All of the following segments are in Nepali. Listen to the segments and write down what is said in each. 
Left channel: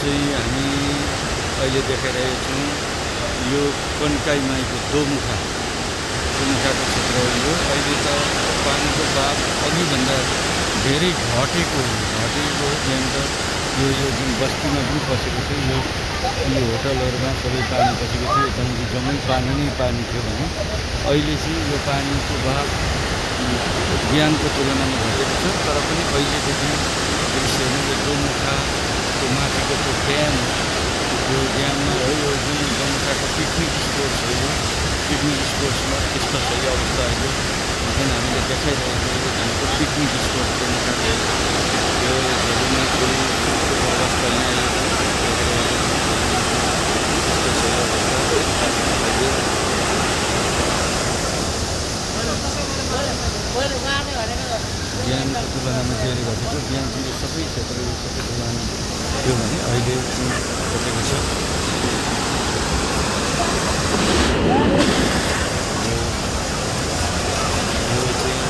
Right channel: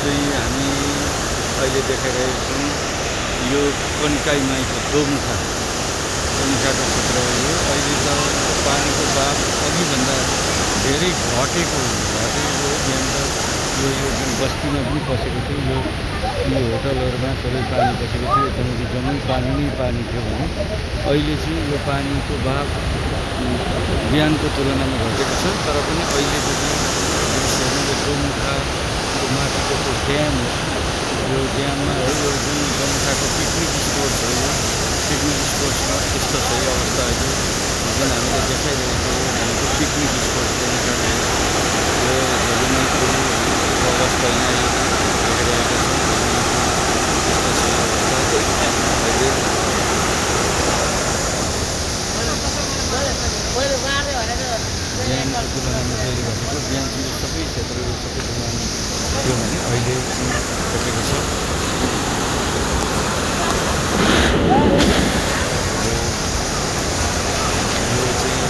चाहिँ हामी अहिले देखाइरहेका छौँ यो कन्काई माईको दोमुखाको क्षेत्र हो। यो अहिले त पानीको बाफ अघिभन्दा धेरै घटेको हो। अन्त यो जुन बस्तीमा पनि पसेको थियो, यो होटलहरूमा सबै पानी पसेको थियो। जम्मै पानी नै पानी थियो भने अहिले चाहिँ यो पानीको बाफ बिहानको तुलनामा घटेको छ। तर पनि अहिलेको पनि दृश्यहरू यो दोमुखाको माथिको त्यो ड्याम हो। यो ड्याममा है यो जुन दोमुखाको पिकनिक स्पोट हो, यो पिकनिक स्पोट्समा यस्तो छ यो अवस्था। अहिले जुन हामीले देखाइरहेको भनेको पिकनिक स्पोट दोमुखाको यो झोलुमे पुलको अवस्था यहाँ देखाइरहेको छ। यस्तो छ यो अवस्था अहिले। बिहानको तुलनामा चाहिँ घटेको, बिहान चाहिँ सबै क्षेत्र यो सबै तुलना थियो भने अहिले घटेको छ। यो चाहिँ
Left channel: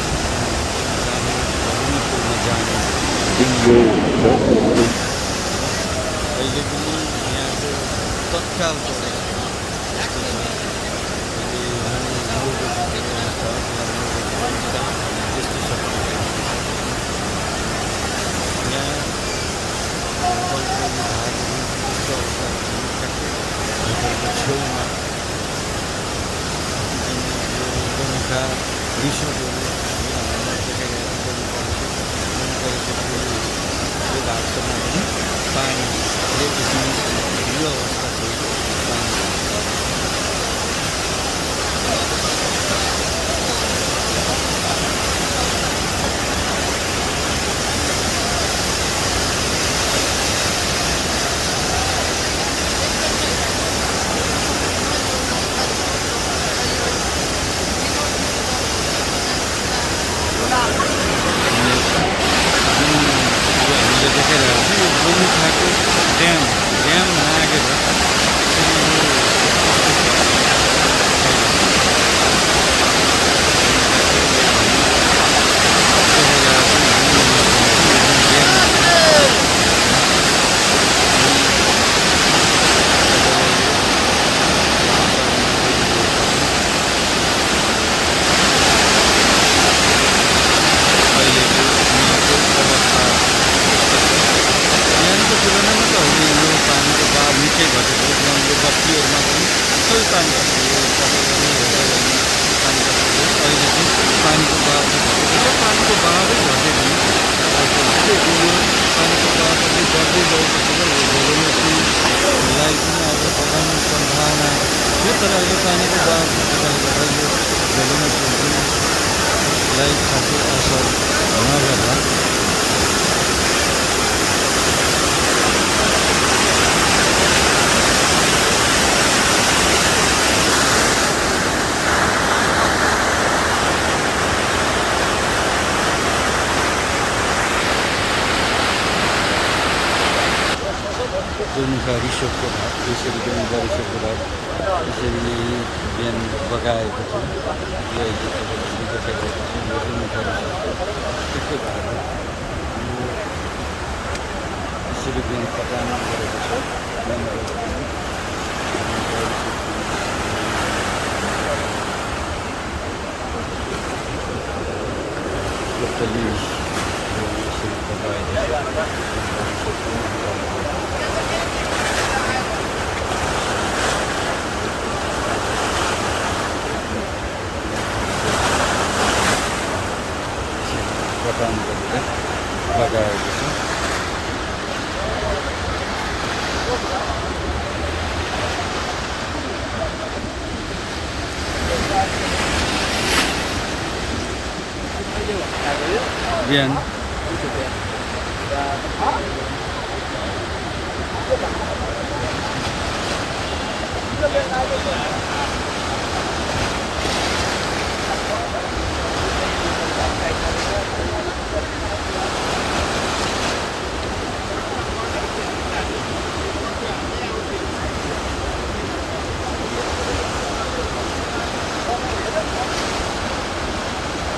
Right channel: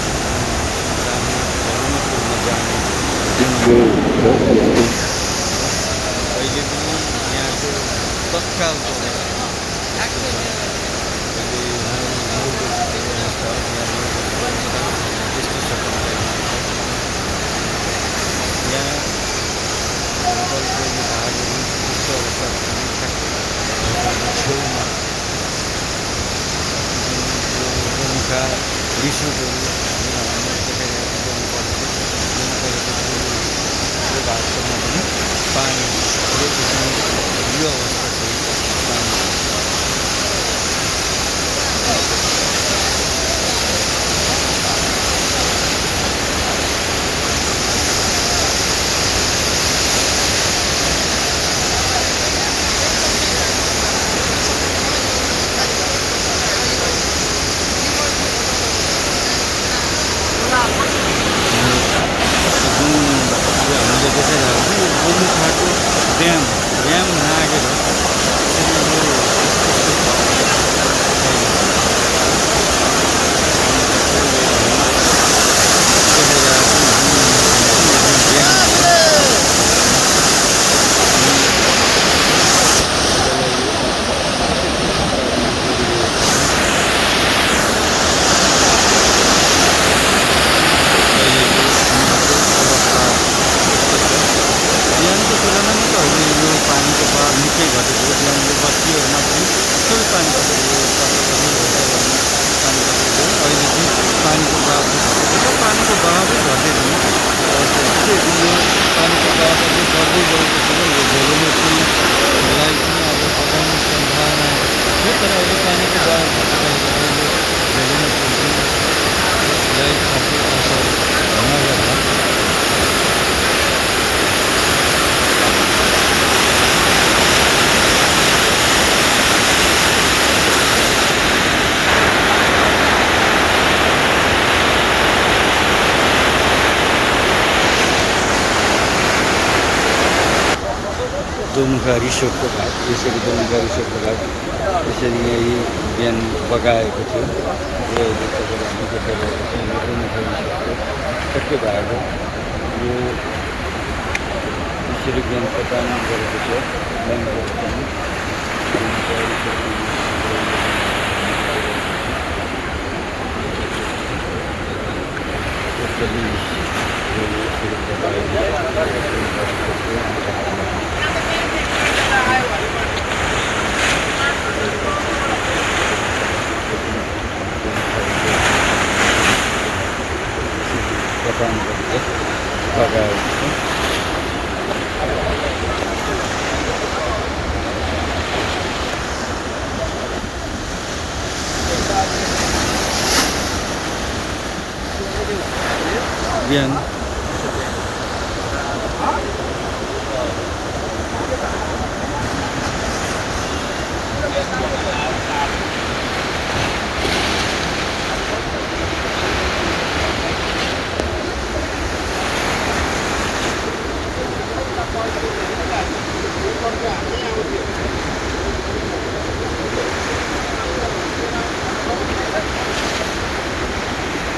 जाने झोलुमे पुलमा जाने अहिले पनि यहाँको तत्कालको अवस्था यस्तो छ। अहिले 9 बजीको अवस्था हो। यहाँ 9 बजीको अवस्था यस्तो छ कन्काईमा। यहाँ होटलको यो भागहरू यस्तो अवस्थामा पनि ठ्याक्कै होटलको छेउमा जुन यो दोमुखा रिसोर्टहरू जुन हामीले देखाइरहेको दोमुखा रिसोर्ट यो भागसम्म पनि पानीले देख्ने यो अवस्था छ। पानी हामीले देखाइरहेको छ यो दोमुखाको ड्याम नागेर त्यसरी यो यस्तो छ। बिहानको तुलनामा त अहिले यो पानीको बाफ निकै घटेको। बिहान यो बस्तीहरूमा पनि सबै पानी पसेको, यो पसलहरू होटलहरूमा पानी पसेको थियो। अहिले चाहिँ पानीको बाफ चाहिँ घटेको छ। पानीको बाफै घटेको यो पानीको बाफ अझै बढ्दै गएको छ। यो झोलुमे पुललाई पनि आज बगाउने सम्भावना थियो, तर अहिले पानीको बाफ घटेकाले गर्दा यो झोलुमे पुललाई खासै असर नगर्ला। दोमुखा रिसोर्टको भाग यसरी, दोमुखा रिसोर्टको भाग यसरी यहीँ बिहान बगाएको थियो। यो अहिले तपाईँलाई हामी देखाइरहेको छौँ। यो दोमुखा रिसोर्टको ठ्याक्कै भाग हो। यो यसरी बिहान पटान गरेको छ मेन रोड पनि। दोमुखा रिसोर्टको टोटली यसरी बगाएको छ दोमुखा रिसोर्टको। पटान गरेर बगाएको छ। बिहान